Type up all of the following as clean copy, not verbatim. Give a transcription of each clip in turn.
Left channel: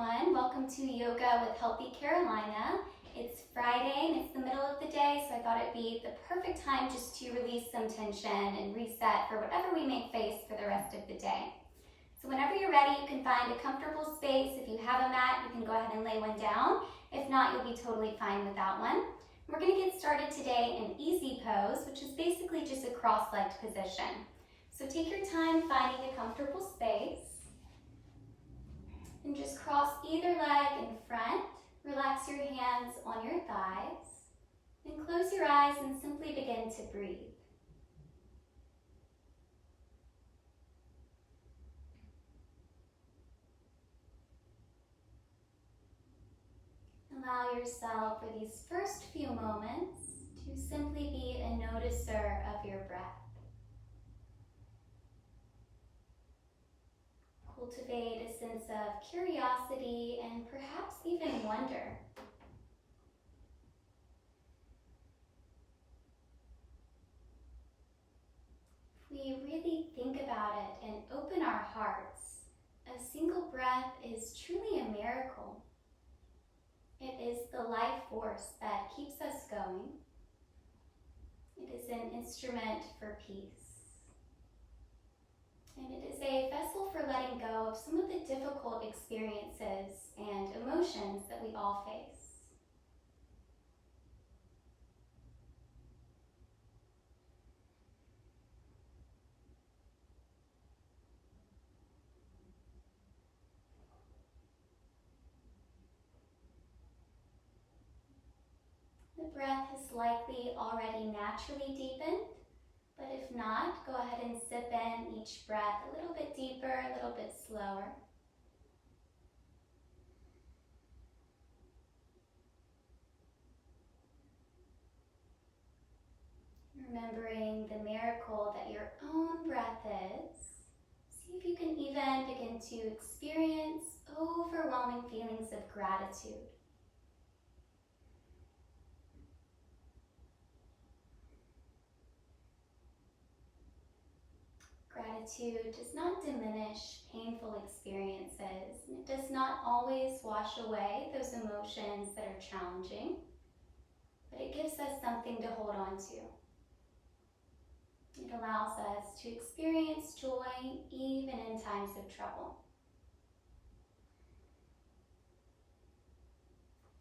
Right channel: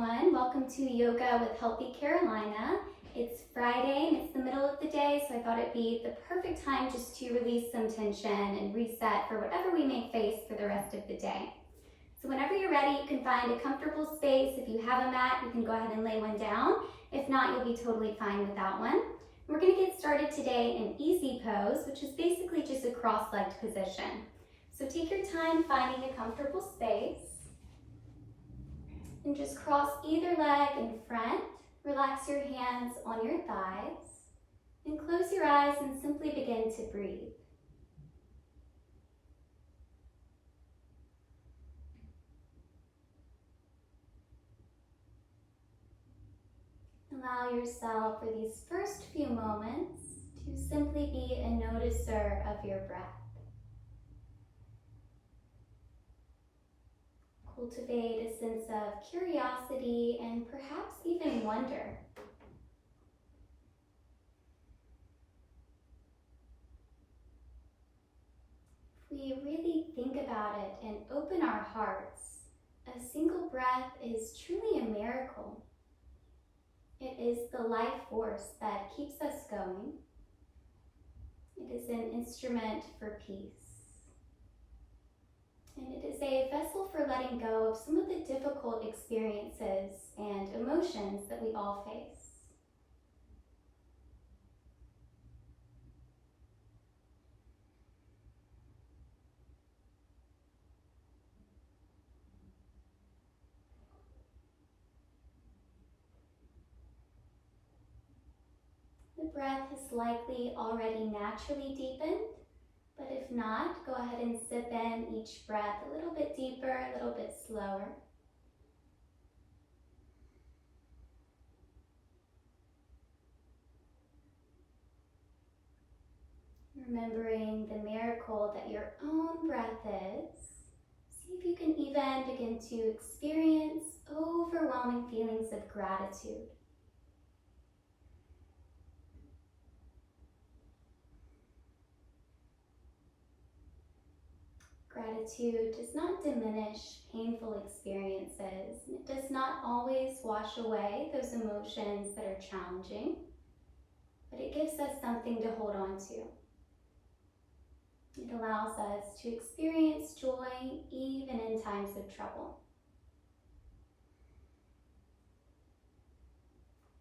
everyone. Welcome to Yoga with Healthy Carolina. It's Friday and it's the middle of the day, so I thought it'd be the perfect time just to release some tension and reset for whatever we may face for the rest of the day. So whenever you're ready, you can find a comfortable space. If you have a mat, you can go ahead and lay one down. If not, you'll be totally fine without one. We're going to get started today in easy pose, which is basically just a cross-legged position. So take your time finding a comfortable space. And just cross either leg in front. Relax your hands on your thighs. And close your eyes and simply begin to breathe. Allow yourself for these first few moments to simply be a noticer of your breath. Cultivate a sense of curiosity and perhaps even wonder. If we really think about it and open our hearts, a single breath is truly a miracle. It is the life force that keeps us going. It is an instrument for peace. And it is a vessel for letting go of some of the difficult experiences and emotions that we all face. The breath is likely already naturally deepened. But if not, go ahead and sip in each breath a little bit deeper, a little bit slower. Remembering the miracle that your own breath is, see if you can even begin to experience overwhelming feelings of gratitude. Gratitude does not diminish painful experiences, and it does not always wash away those emotions that are challenging, but it gives us something to hold on to. It allows us to experience joy even in times of trouble.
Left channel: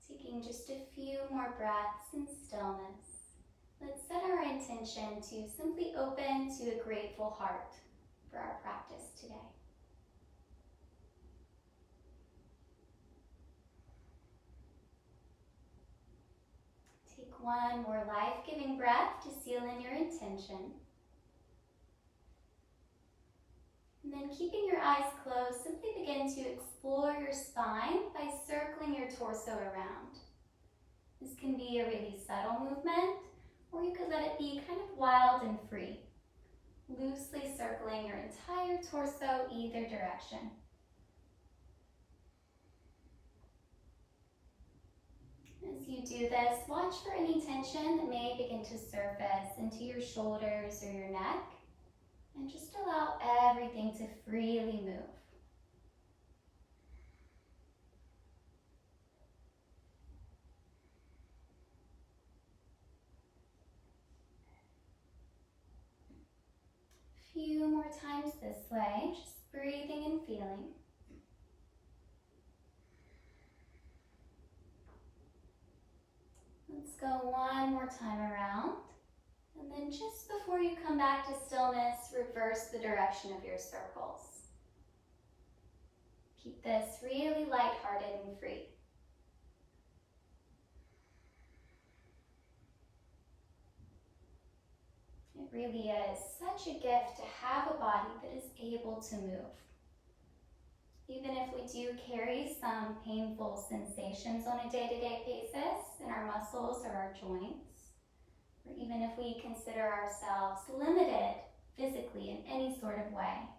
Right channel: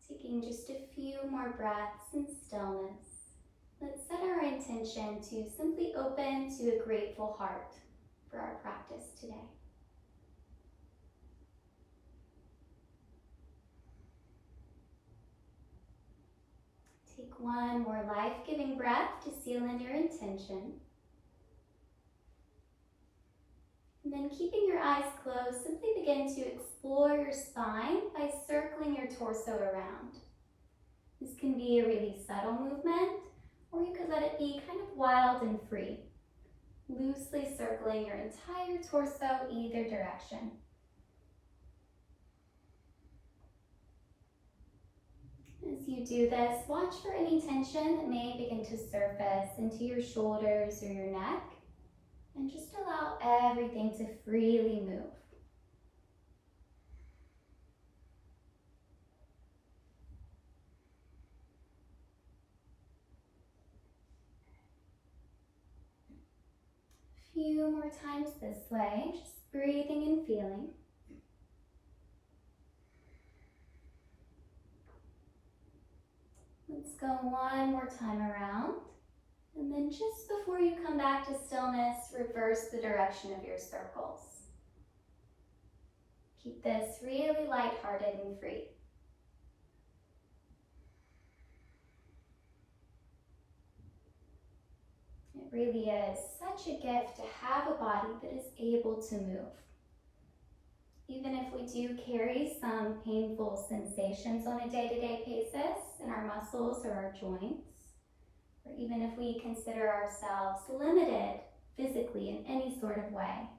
Taking just a few more breaths in stillness, let's set our intention to simply open to a grateful heart for our practice today. Take one more life-giving breath to seal in your intention. And then keeping your eyes closed, simply begin to explore your spine by circling your torso around. This can be a really subtle movement, or you could let it be kind of wild and free, loosely circling your entire torso either direction. As you do this, watch for any tension that may begin to surface into your shoulders or your neck, and just allow everything to freely move. Few more times this way, just breathing and feeling. Let's go one more time around. And then just before you come back to stillness, reverse the direction of your circles. Keep this really lighthearted and free. It really is such a gift to have a body that is able to move. Even if we do carry some painful sensations on a day-to-day basis in our muscles or our joints, or even if we consider ourselves limited physically in any sort of way,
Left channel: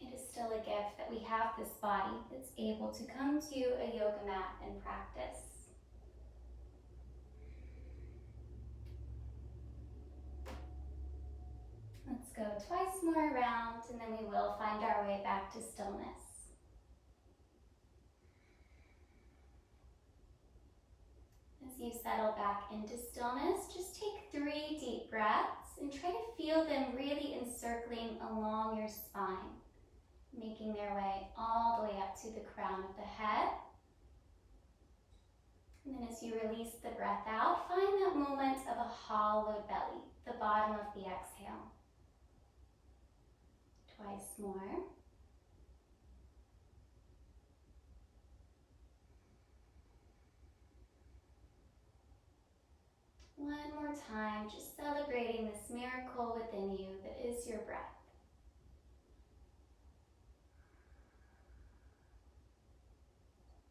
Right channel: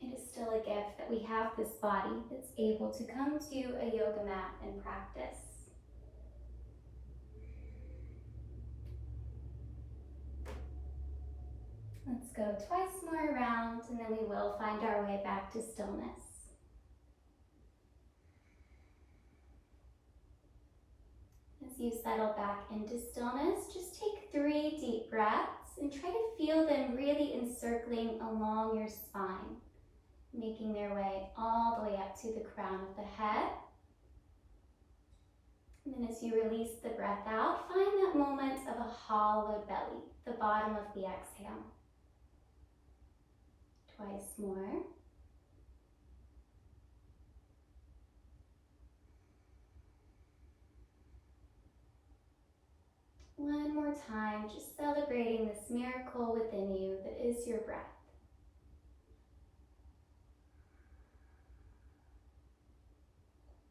it is still a gift that we have this body that's able to come to a yoga mat and practice. Let's go twice more around, and then we will find our way back to stillness. you settle back into stillness, just take 3 deep breaths and try to feel them really encircling along your spine, making their way all the way up to the crown of the head. And then as you release the breath out, find that moment of a hollowed belly, the bottom of the exhale. Twice more. One more time, just celebrating this miracle within you that is your breath.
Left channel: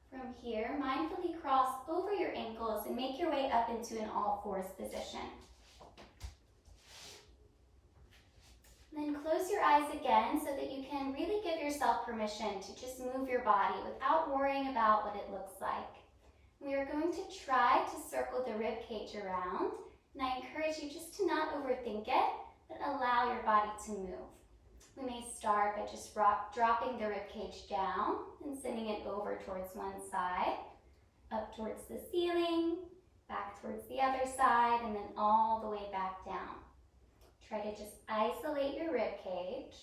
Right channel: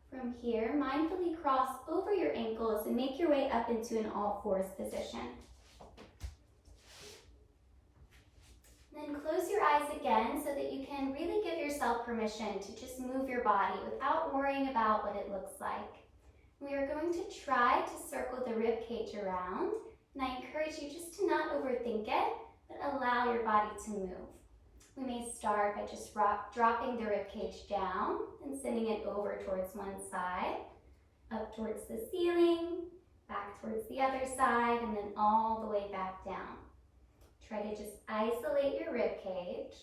From here, mindfully cross over your ankles and make your way up into an all-fours position. And then close your eyes again so that you can really give yourself permission to just move your body without worrying about what it looks like. We are going to try to circle the rib cage around, and I encourage you just to not overthink it, but allow your body to move. We may start by just dropping the rib cage down and sending it over towards one side, up towards the ceiling, back towards the other side, and then all the way back down. Try to just isolate your rib cage.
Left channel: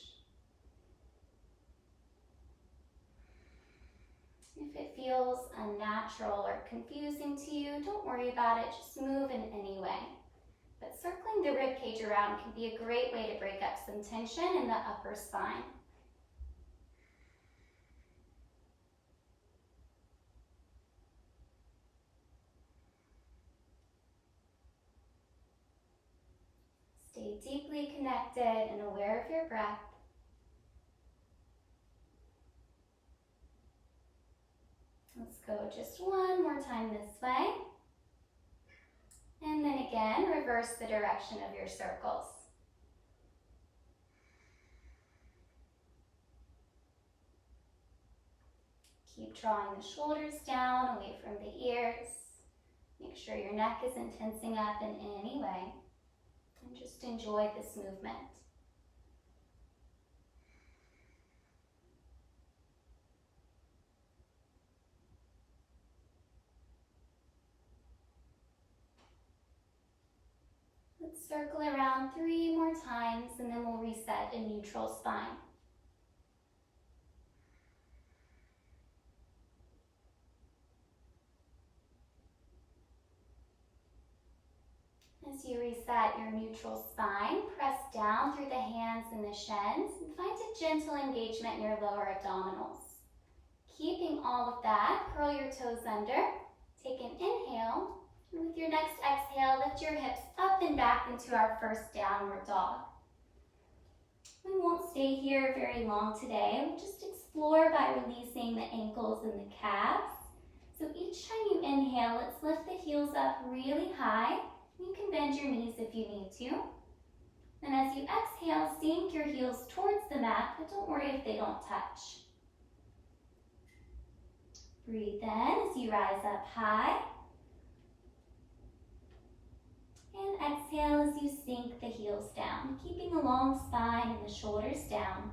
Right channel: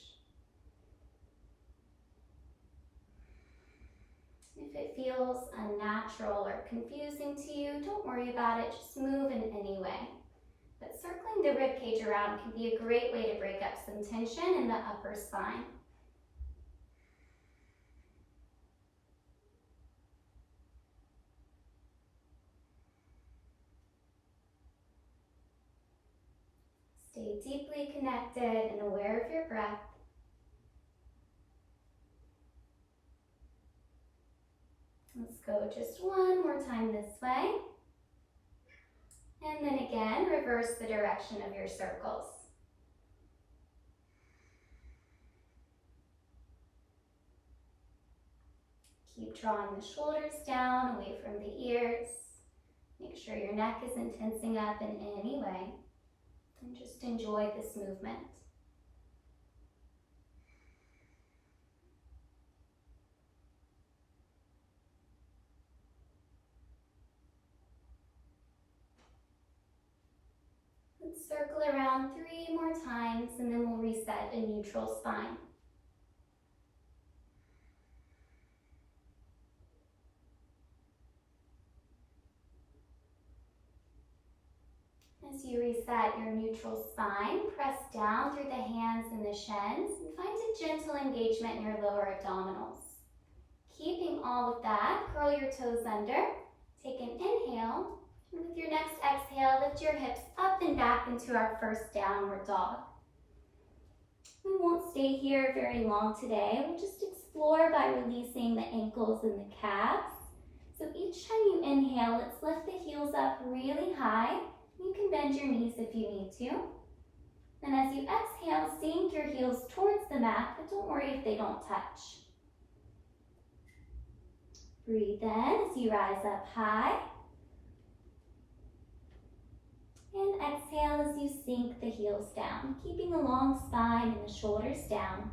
If it feels unnatural or confusing to you, don't worry about it, just move in any way. But circling the rib cage around can be a great way to break up some tension in the upper spine. Stay deeply connected and aware of your breath. Let's go just one more time this way. And then again, reverse the direction of your circles. Keep drawing the shoulders down, away from the ears. Make sure your neck isn't tensing up in any way. And just enjoy this movement. Let's circle around 3 more times and then we'll reset a neutral spine. As you reset your neutral spine, press down through the hands and the shins and find a gentle engagement in your lower abdominals. Keeping all of that, curl your toes under, take an inhale, and with your next exhale, lift your hips up and back into our first downward dog. We won't stay here very long today. We'll just explore by releasing the ankles and the calves. So each time you inhale, let's lift the heels up really high. You can bend your knees if you need to. And as you exhale, sink your heels towards the mat, but don't worry if they don't touch. Breathe in as you rise up high. And exhale as you sink the heels down, keeping a long spine and the shoulders down.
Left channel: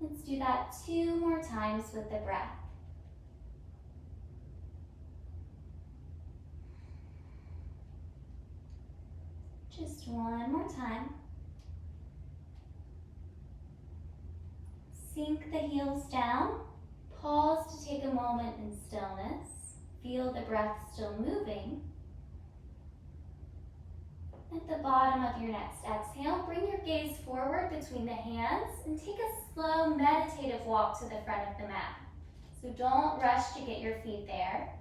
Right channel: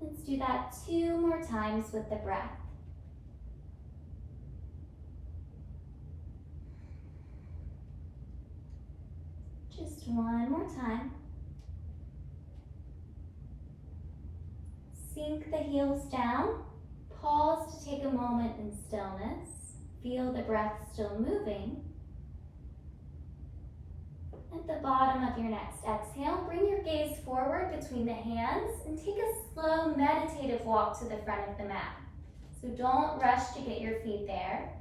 Let's do that 2 more times with the breath. Just 1 more time. Sink the heels down. Pause to take a moment in stillness. Feel the breath still moving. At the bottom of your next exhale, bring your gaze forward between the hands and take a slow meditative walk to the front of the mat. So don't rush to get your feet there.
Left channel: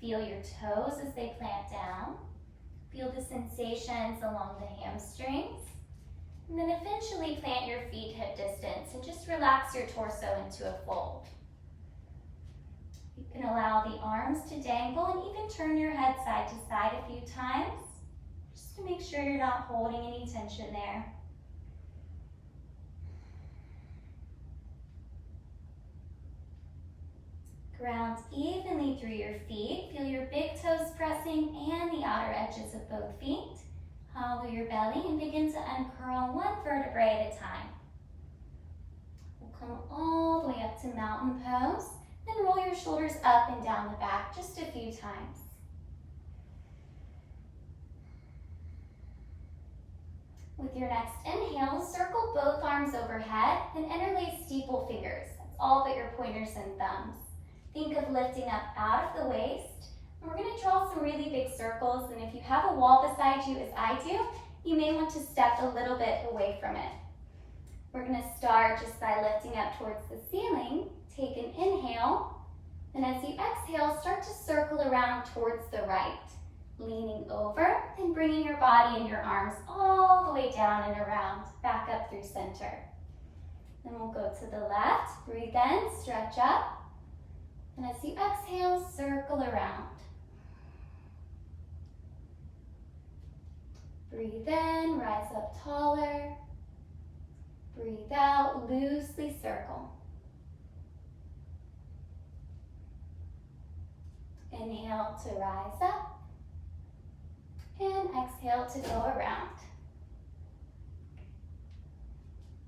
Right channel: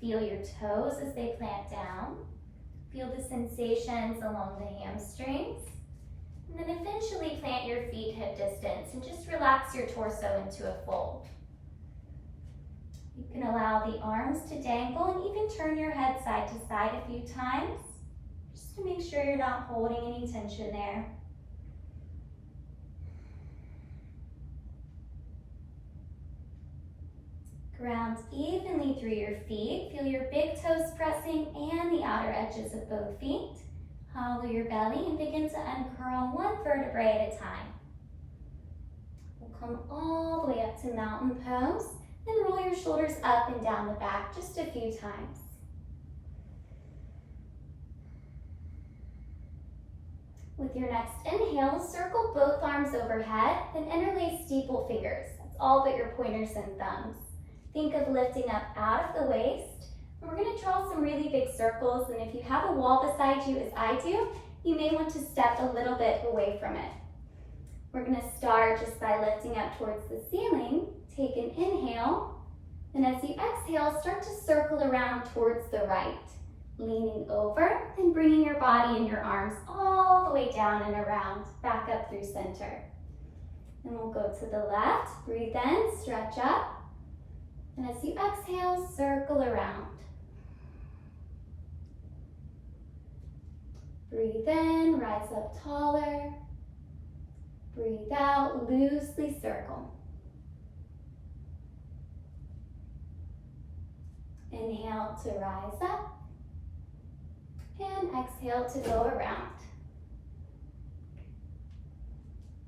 Feel your toes as they plant down. Feel the sensations along the hamstrings. And then eventually plant your feet hip distance and just relax your torso into a fold. You can allow the arms to dangle and even turn your head side to side a few times, just to make sure you're not holding any tension there. Ground evenly through your feet. Feel your big toes pressing and the outer edges of both feet. Hollow your belly and begin to uncurl 1 vertebrae at a time. We'll come all the way up to mountain pose. Then roll your shoulders up and down the back just a few times. With your next inhale, circle both arms overhead, then interlace steeple fingers. That's all but your pointers and thumbs. Think of lifting up out of the waist. And we're going to draw some really big circles, and if you have a wall beside you, as I do, you may want to step a little bit away from it. We're going to start just by lifting up towards the ceiling. Take an inhale, and as you exhale, start to circle around towards the right. Leaning over and bringing your body and your arms all the way down and around, back up through center. Then we'll go to the left, breathe in, stretch up, and as you exhale, circle around. Breathe in, rise up taller. Breathe out, loosely circle. Inhale to rise up. And exhale to go around.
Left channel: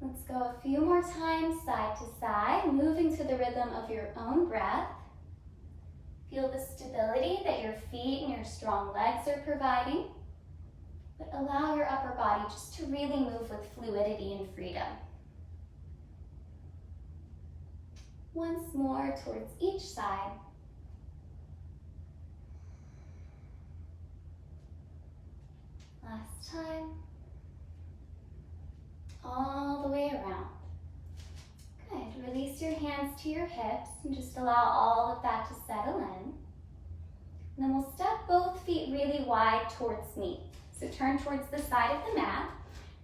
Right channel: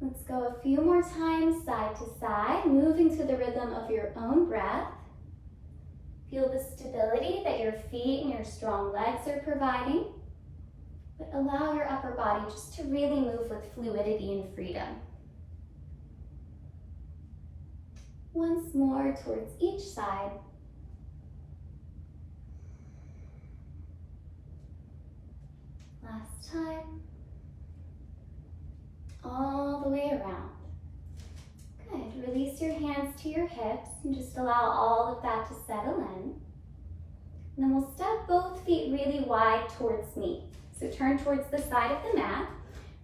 Let's go a few more times, side to side, moving to the rhythm of your own breath. Feel the stability that your feet and your strong legs are providing, but allow your upper body just to really move with fluidity and freedom. Once more towards each side. Last time. All the way around. Good. Release your hands to your hips and just allow all of that to settle in. And then we'll step both feet really wide towards me. So turn towards the side of the mat.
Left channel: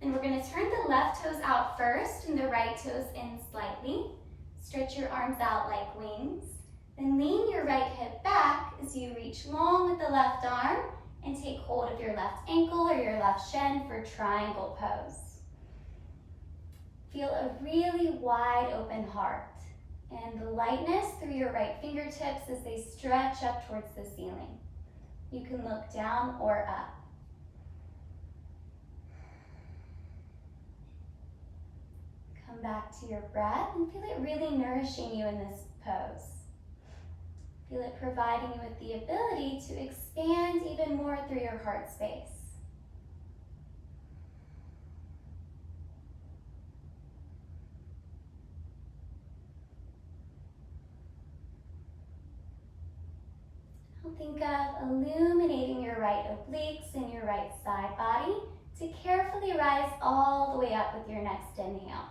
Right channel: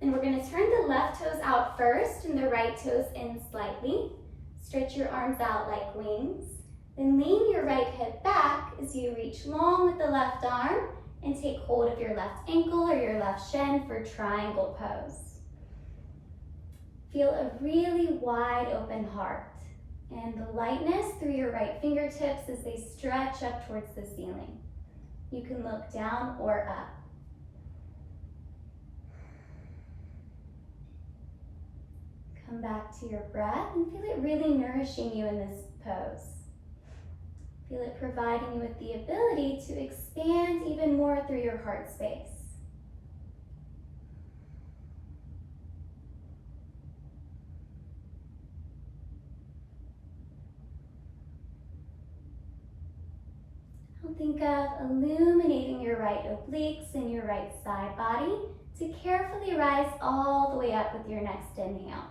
And we're going to turn the left toes out first and the right toes in slightly. Stretch your arms out like wings. Then lean your right hip back as you reach long with the left arm and take hold of your left ankle or your left shin for triangle pose. Feel a really wide open heart and the lightness through your right fingertips as they stretch up towards the ceiling. You can look down or up. Come back to your breath and feel it really nourishing you in this pose. Feel it providing you with the ability to expand even more through your heart space. Now think of illuminating your right obliques and your right side body to carefully rise all the way up with your next inhale.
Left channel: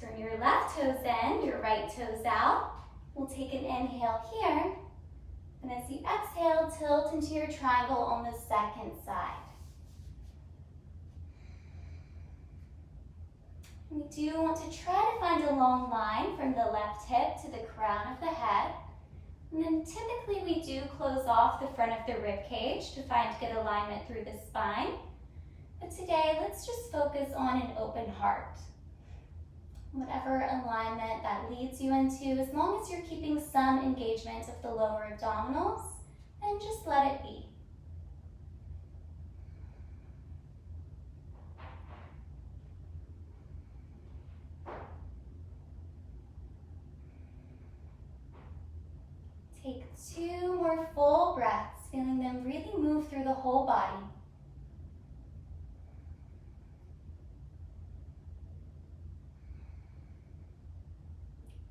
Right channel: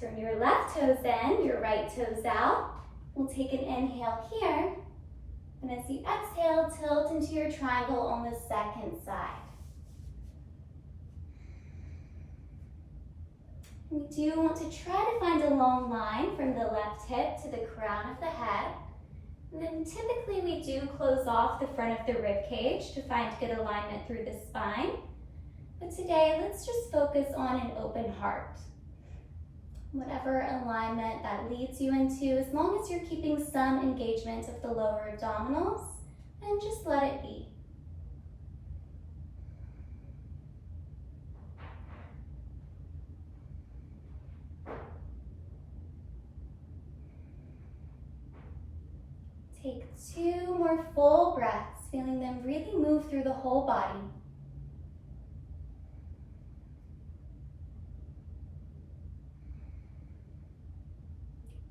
Turn your left toes in, your right toes out. We'll take an inhale here, and as you exhale, tilt into your triangle on the second side. We do want to try to find a long line from the left hip to the crown of the head. And then typically we do close off the front of the rib cage to find good alignment through the spine. But today, let's just focus on an open heart. Whatever alignment that leads you into, as long as you're keeping some engagement of the lower abdominals, and just let it be. Take 2 more full breaths, feeling them really move through the whole body.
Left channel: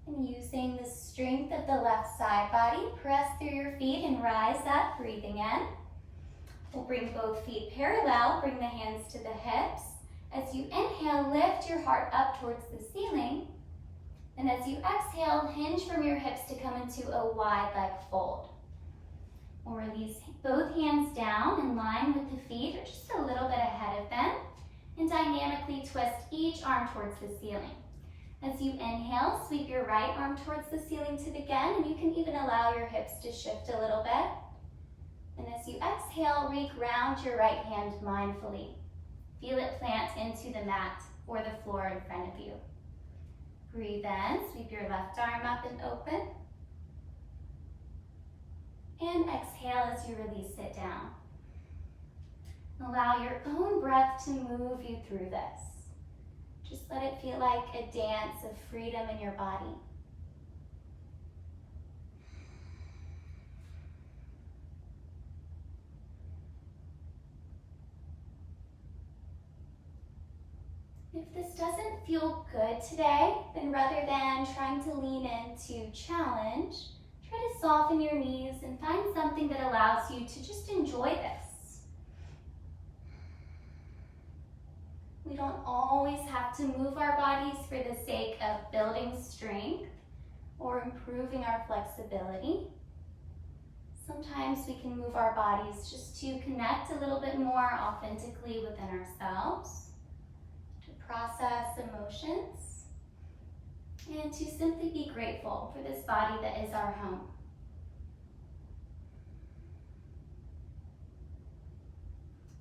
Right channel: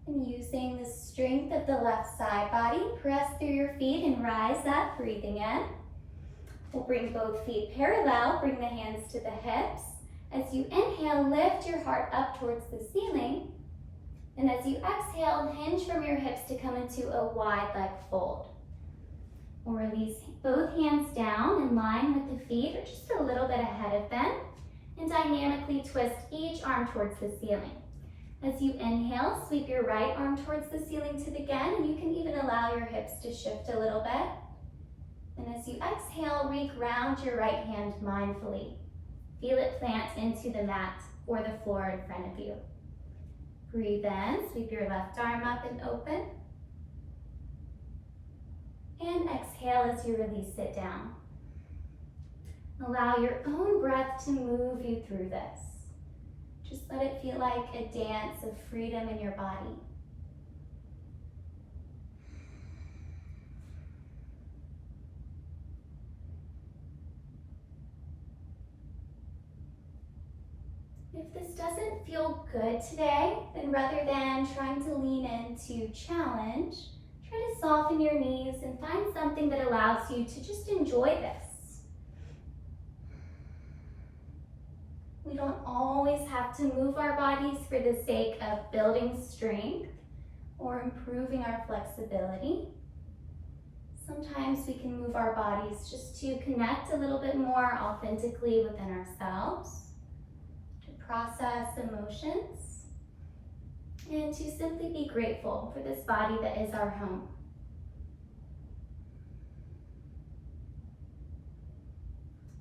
And using the strength of the left side body, press through your feet and rise up, breathing in. We'll bring both feet parallel, bring the hands to the hips. As you inhale, lift your heart up towards the ceiling. And as you exhale, hinge from your hips to come into a wide leg fold. We'll release both hands down in line with the feet or just a little bit ahead of them. And dynamically twist each arm towards the ceiling. As you inhale, sweep your right arm towards the ceiling to begin, and you can even allow your hips to shift a little bit. And as you exhale, re-ground your right hand mindfully. Feel it plant into the mat or the floor in front of you. Breathe in, sweep your left arm up and open. And exhale as you release it down. Allow your own breath to move you through this. Just let it feel like a dance of freedom in your body. If this doesn't feel good today, then rather than trying to lean into challenge, try to soften your knees and find something that allows you to just enjoy this. We don't always have to move our bodies for the sake of building strength or improving our flexibility. Sometimes we can move our bodies just to connect a little bit more authentically within ourselves, to process emotions, and to simply be grateful for this body that is our home.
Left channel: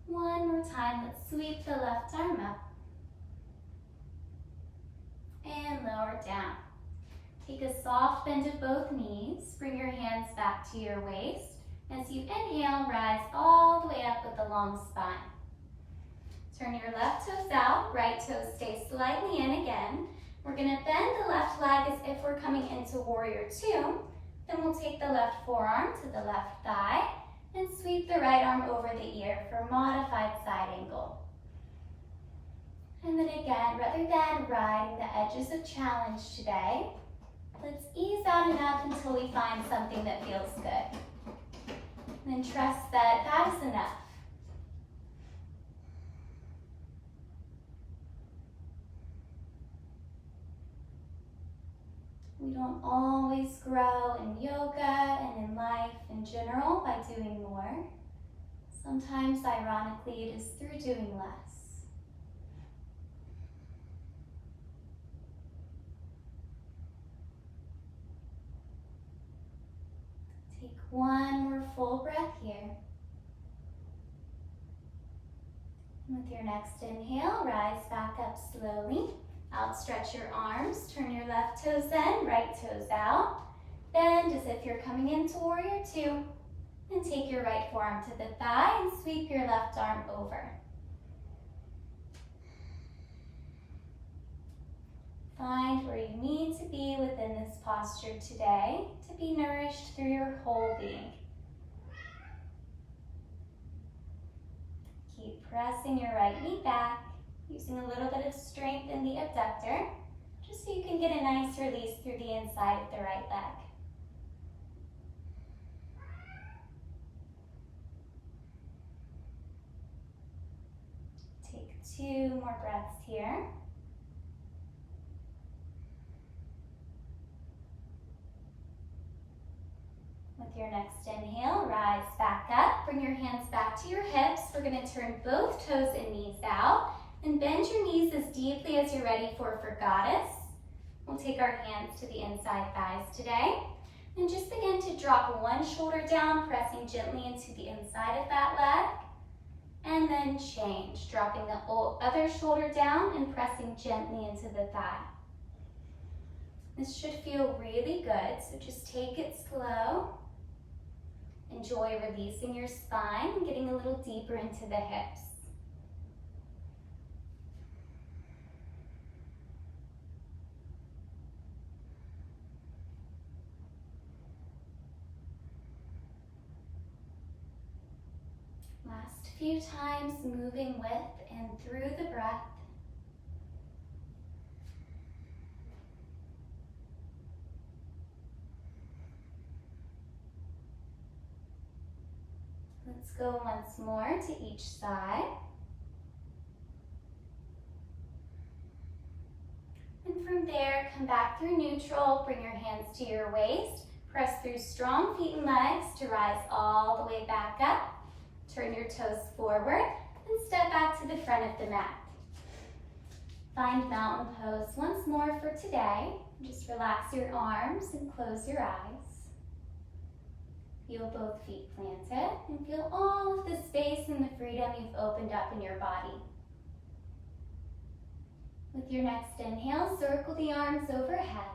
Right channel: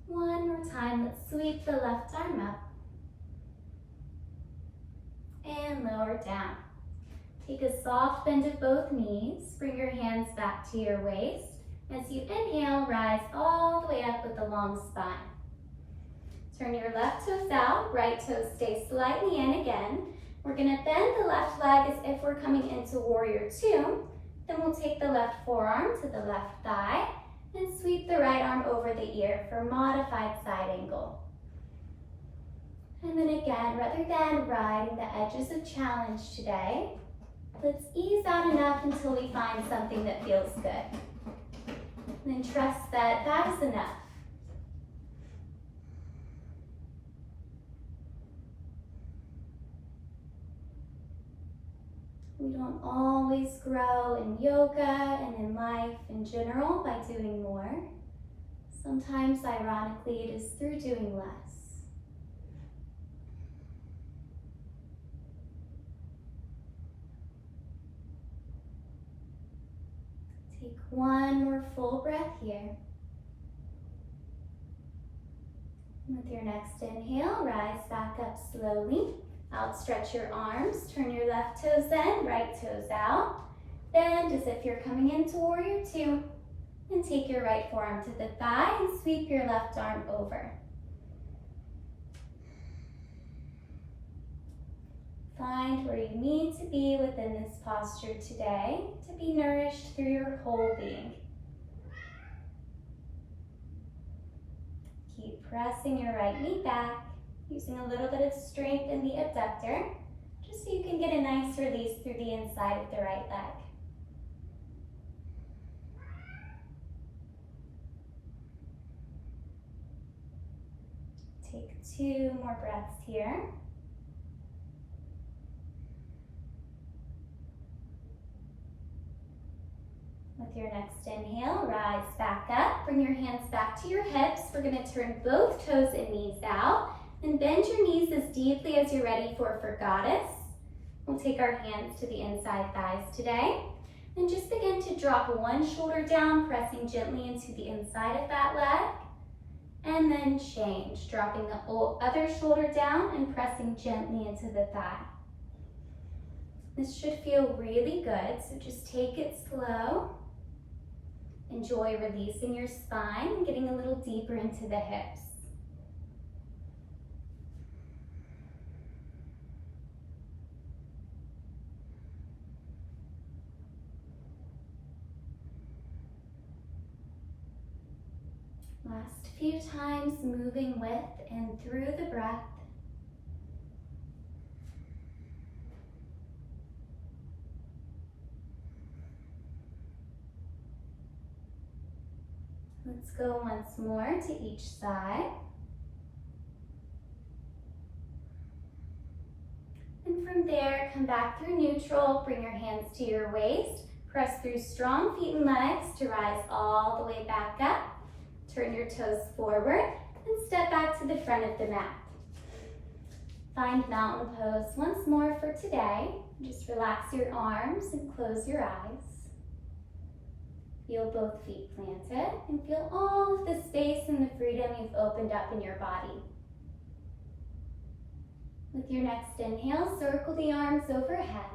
One more time, let's sweep the left arm up and lower down. Take a soft bend of both knees, bring your hands back to your waist. As you inhale, rise all the way up with a long spine. Turn your left toes out, right toes stay slightly in again. We're gonna bend the left leg as if we're coming into warrior two. Then we'll take the left forearm to the left thigh and sweep the right arm over the ear for modified side angle. And then again, rather than riding the edges of challenge today, let's ease out enough until we find something that feels good. And then trust that that is enough. We don't always grow in yoga and in life in general by doing more. Sometimes, ironically, it is through doing less. Take one more full breath here. And with your next inhale, rise back up slowly. Outstretch your arms, turn your left toes in, right toes out. Bend as if you're coming into warrior two. And take your right forearm to the thigh and sweep your left arm over. Find where you need to be within this posture today to be nourished through your whole being. Keep pressing your right knee back, using a little bit of strength in the abductor, just so you can get a nice release through the inside of the right leg. Take 2 more breaths here. With your next inhale, rise back up. Bring your hands back to your hips. We're going to turn both toes and knees out and bend your knees as deeply as you're ready for goddess. We'll take our hands to the inside thighs today and just begin to drop one shoulder down, pressing gently into the inside of that leg. And then change, dropping the other shoulder down and pressing gently into the thigh. This should feel really good, so just take it slow. Enjoy releasing your spine and getting a little deeper into the hips. Last few times, moving with and through the breath. Let's go once more to each side. And from there, come back through neutral, bring your hands to your waist, press through strong feet and legs to rise all the way back up. Turn your toes forward and step back to the front of the mat. Find mountain pose once more for today. Just relax your arms and close your eyes. Feel both feet planted and feel all of the space and the freedom you've opened up in your body. With your next inhale, circle the arms overhead.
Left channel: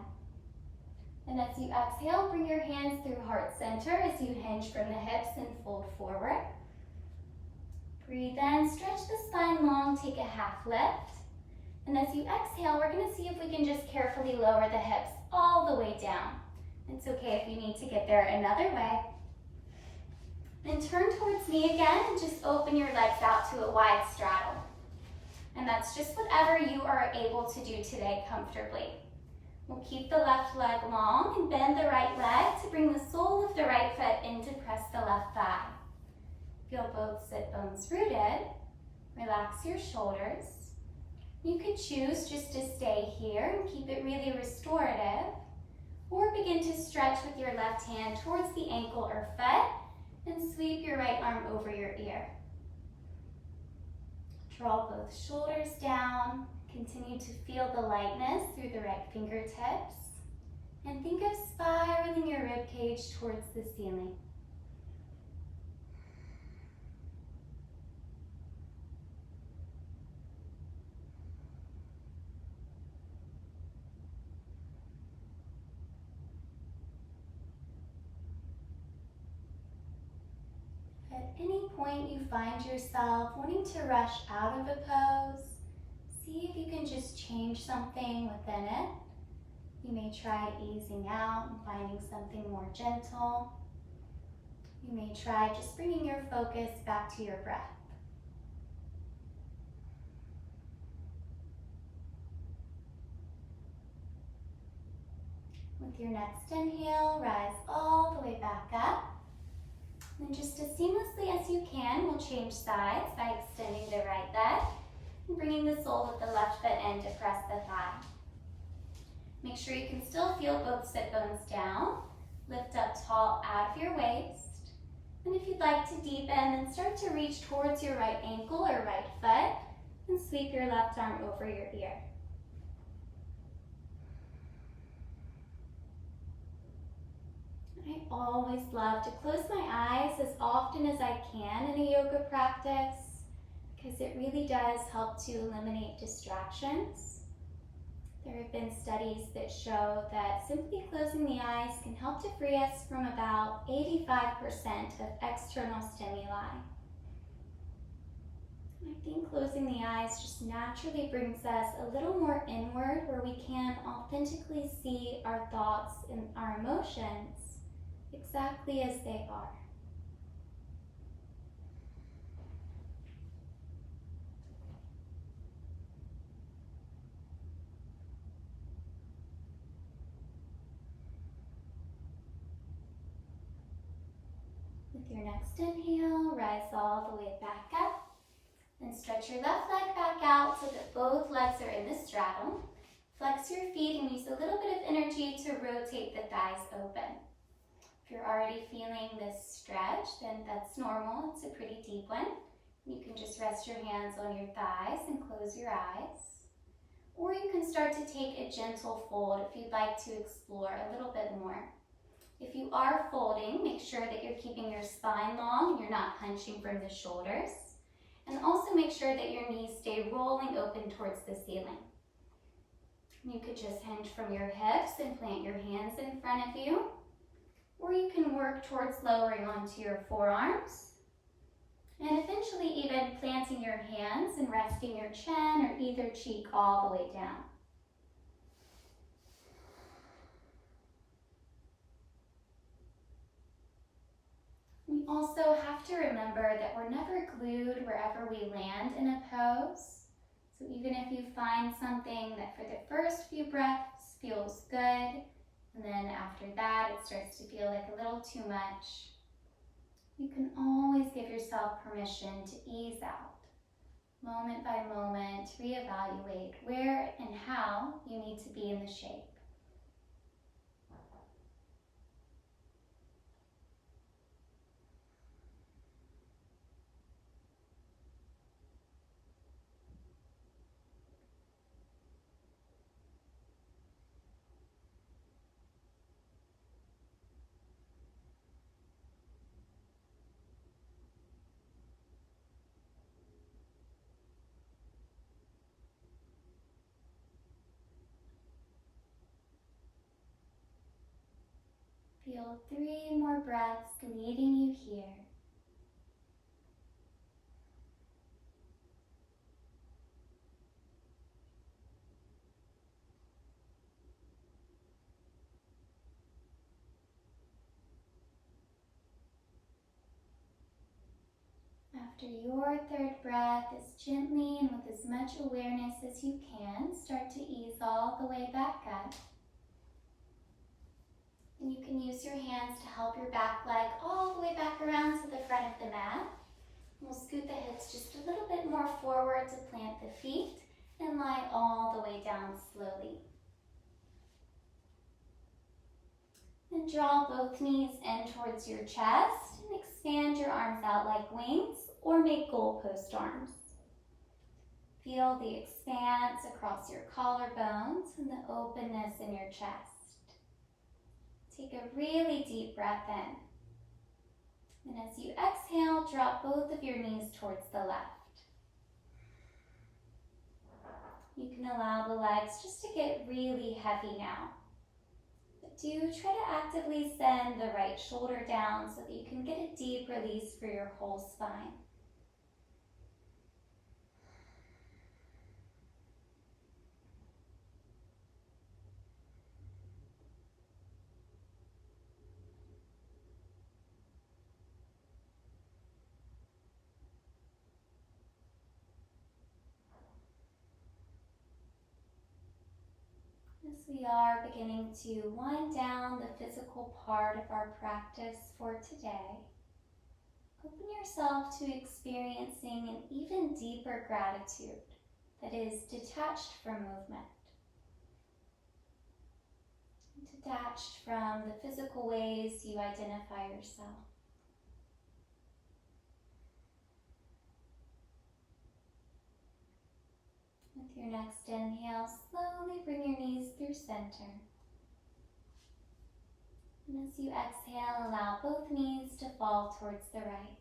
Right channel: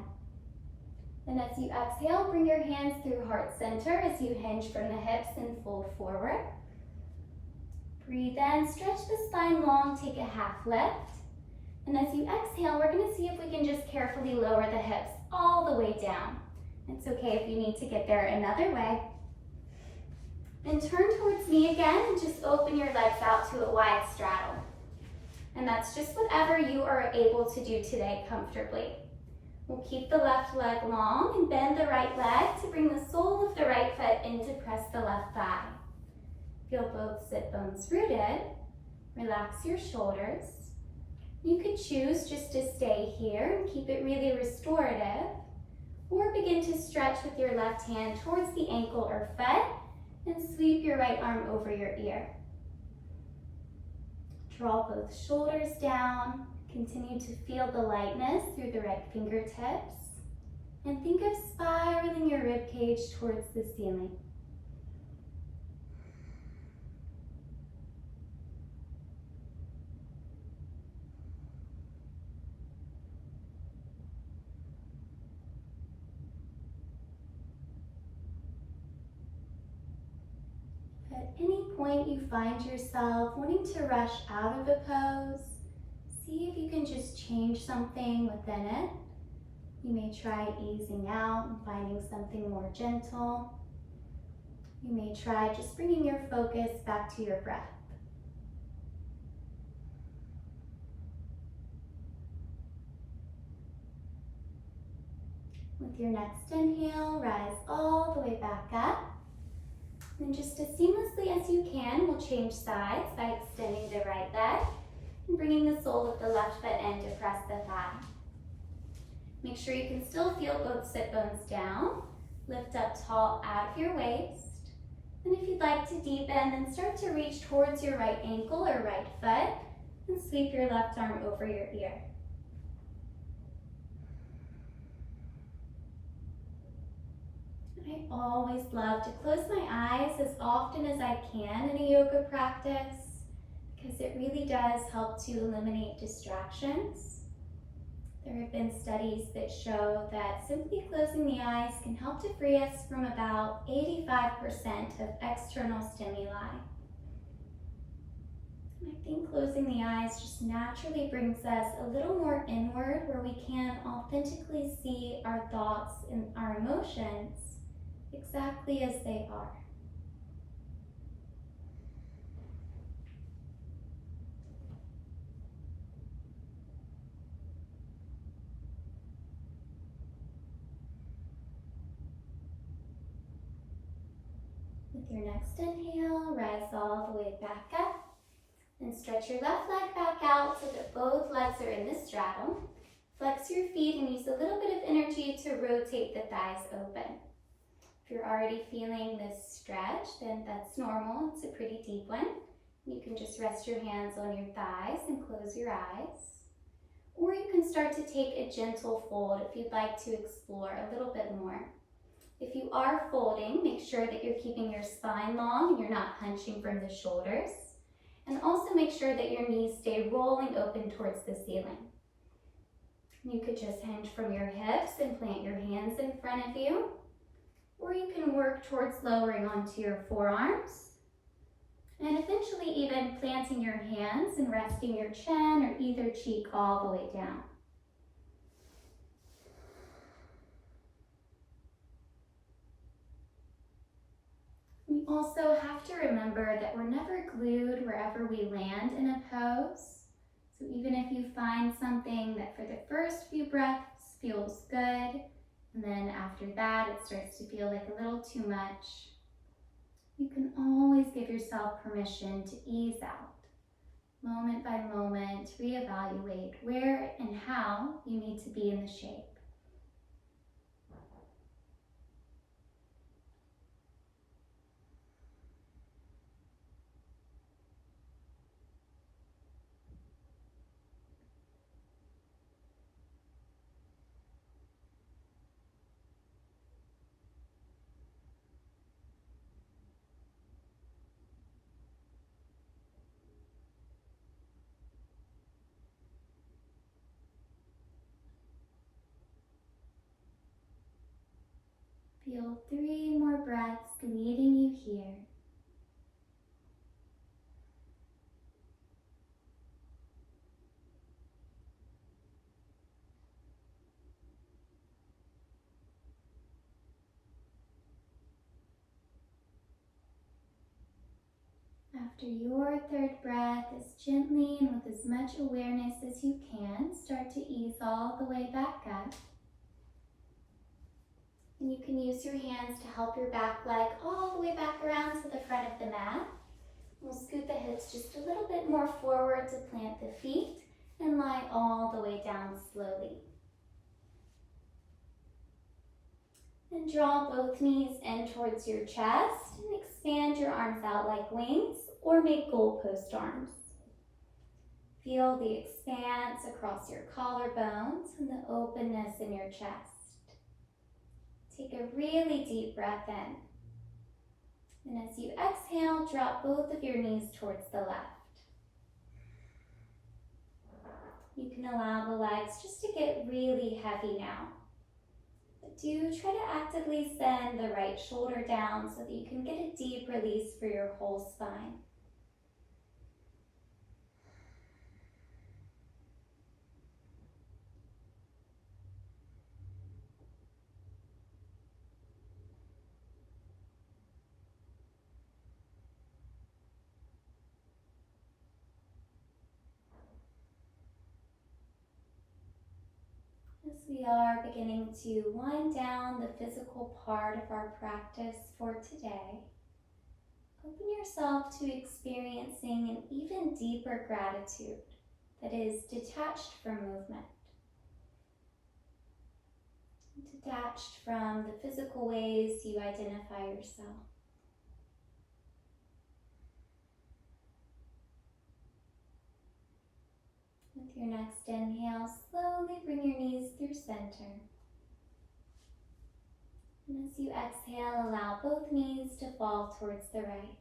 Then as you exhale, bring your hands through heart center as you hinge from the hips and fold forward. Breathe in, stretch the spine long, take a half lift. And as you exhale, we're gonna see if we can just carefully lower the hips all the way down. It's okay if you need to get there another way. And turn towards me again and just open your legs out to a wide straddle. And that's just whatever you are able to do today comfortably. We'll keep the left leg long and bend the right leg to bring the sole of the right foot in to press the left thigh. Feel both sit bones rooted. Relax your shoulders. You could choose just to stay here and keep it really restorative, or begin to stretch with your left hand towards the ankle or foot and sweep your right arm over your ear. Draw both shoulders down. Continue to feel the lightness through the right fingertips. And think of spiraling your rib cage towards the ceiling. At any point you find yourself wanting to rush out of a pose, see if you can just change something within it. You may try easing out and finding something more gentle. You may try just bringing your focus back to your breath. With your next inhale, rise all the way back up. And just as seamlessly as you can, we'll change sides by extending the right leg and bringing the sole of the left foot in to press the thigh. Make sure you can still feel both sit bones down. Lift up tall out of your waist. And if you'd like to deepen, then start to reach towards your right ankle or right foot and sweep your left arm over your ear. I always love to close my eyes as often as I can in a yoga practice because it really does help to eliminate distractions. There have been studies that show that simply closing the eyes can help to free us from about 85% of external stimuli. And I think closing the eyes just naturally brings us a little more inward where we can authentically see our thoughts and our emotions exactly as they are. With your next inhale, rise all the way back up and stretch your left leg back out so that both legs are in the straddle. Flex your feet and use a little bit of energy to rotate the thighs open. If you're already feeling this stretch, then that's normal. It's a pretty deep one. You can just rest your hands on your thighs and close your eyes. Or you can start to take a gentle fold if you'd like to explore a little bit more. If you are folding, make sure that you're keeping your spine long and you're not hunching from the shoulders. And also make sure that your knees stay rolling open towards the ceiling. You could just hinge from your hips and plant your hands in front of you. Or you can work towards lowering onto your forearms and eventually even planting your hands and resting your chin or either cheek all the way down. We also have to remember that we're never glued wherever we land in a pose. So even if you find something that for the first few breaths feels good, and then after that it starts to feel like a little too much, you can always give yourself permission to ease out. Moment by moment, reevaluate where and how you need to be in the shape. Feel 3 more breaths leading you here. After your third breath, as gently and with as much awareness as you can, start to ease all the way back up. And you can use your hands to help your back leg all the way back around to the front of the mat. We'll scoot the hips just a little bit more forward to plant the feet and lie all the way down slowly. And draw both knees in towards your chest and expand your arms out like wings or make goalpost arms. Feel the expanse across your collarbones and the openness in your chest. Take a really deep breath in. And as you exhale, drop both of your knees towards the left. You can allow the legs just to get really heavy now. But do try to actively send the right shoulder down so that you can get a deep release for your whole spine. As we are beginning to wind down the physical part of our practice for today, open yourself to experiencing an even deeper gratitude that is detached from movement, detached from the physical ways you identify yourself. With your next inhale, slowly bring your knees through center. And as you exhale, allow both knees to fall towards the right.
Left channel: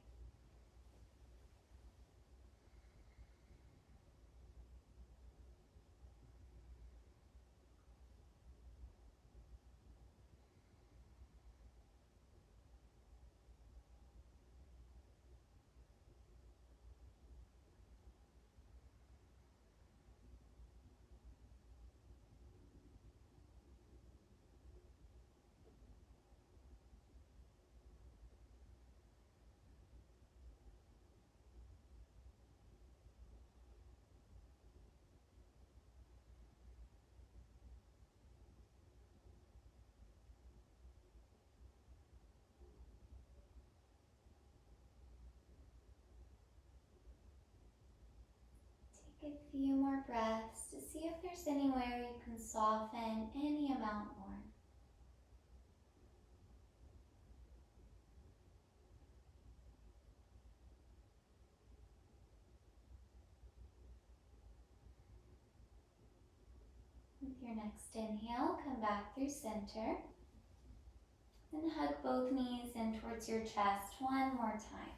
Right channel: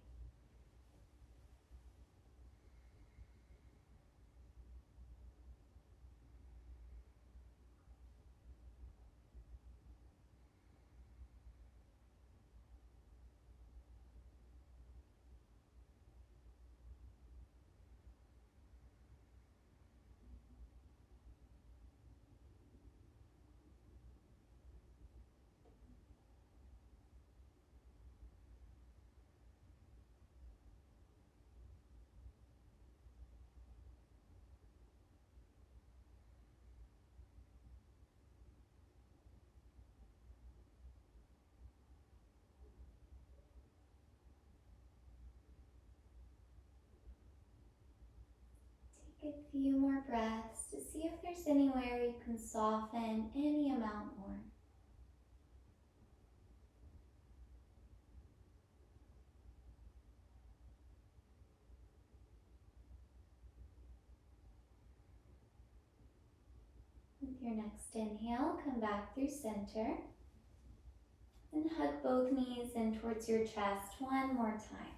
Take a few more breaths to see if there's anywhere you can soften any amount more. With your next inhale, come back through center and hug both knees in towards your chest one more time.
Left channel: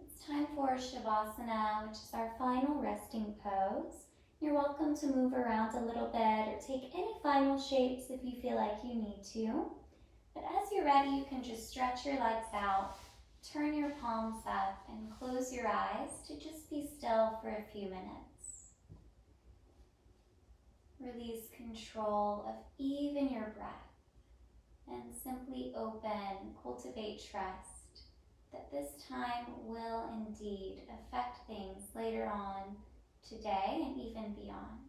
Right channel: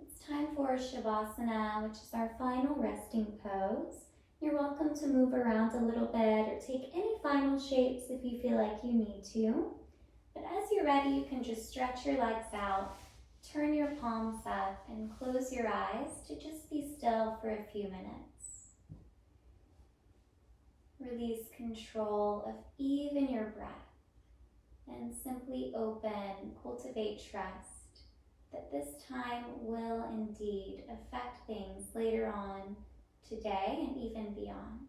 It's time for Shavasana, which is our final resting pose. You're welcome to move around a little bit or take any final shapes if you feel like you need to. But as you're ready, you can just stretch your legs out, turn your palms up, and close your eyes to just be still for a few minutes. Release control of even your breath and simply open, cultivate trust that this time will indeed affect things later on today and even beyond.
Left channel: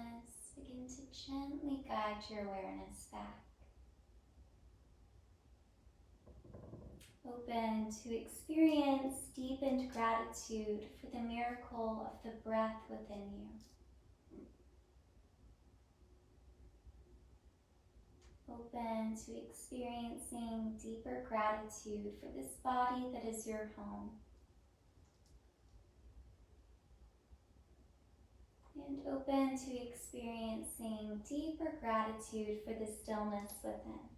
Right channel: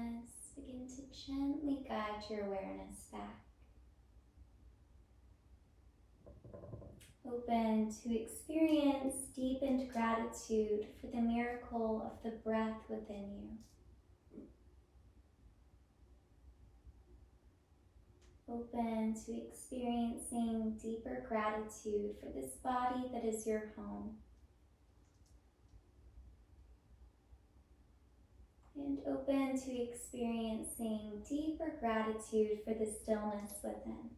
stillness, begin to gently guide your awareness back. Open to experience deepened gratitude for the miracle of the breath within you. Open to experiencing deeper gratitude for this body that is your home. And open to experiencing deeper gratitude for the stillness within.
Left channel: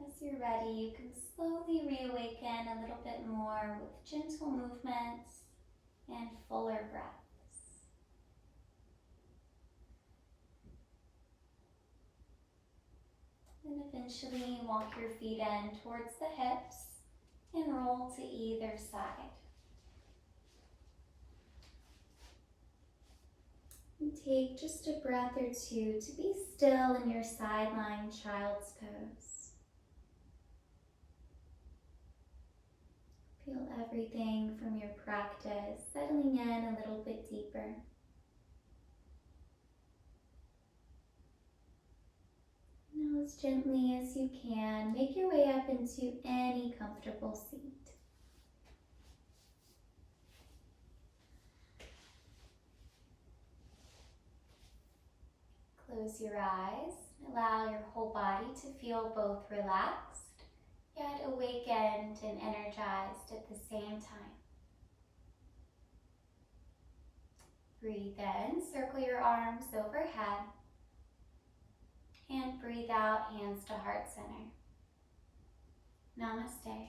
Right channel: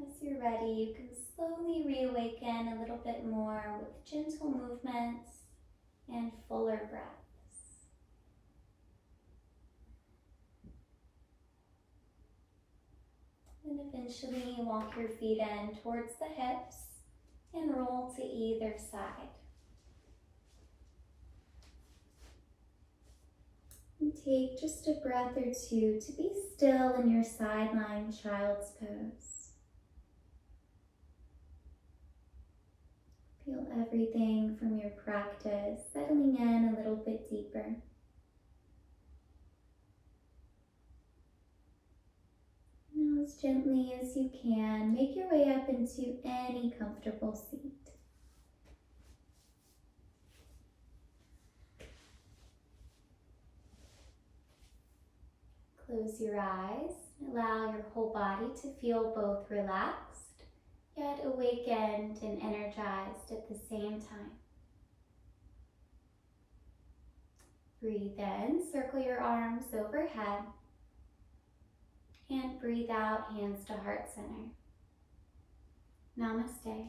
As you're ready, you can slowly reawaken a little bit more with gentle movements and fuller breaths. And eventually walk your feet in towards the hips and roll to either side. And take just a breath or two to be still in your side lying child's pose. Feel everything from your practice settling in a little bit deeper. Now, as gently as you can, make your way up into any comfortable seat. Close your eyes. Allow your whole body to feel both relaxed, yet awakened and energized at the same time. Breathe in, circle your arms overhead, and breathe out, hands to heart center. Namaste.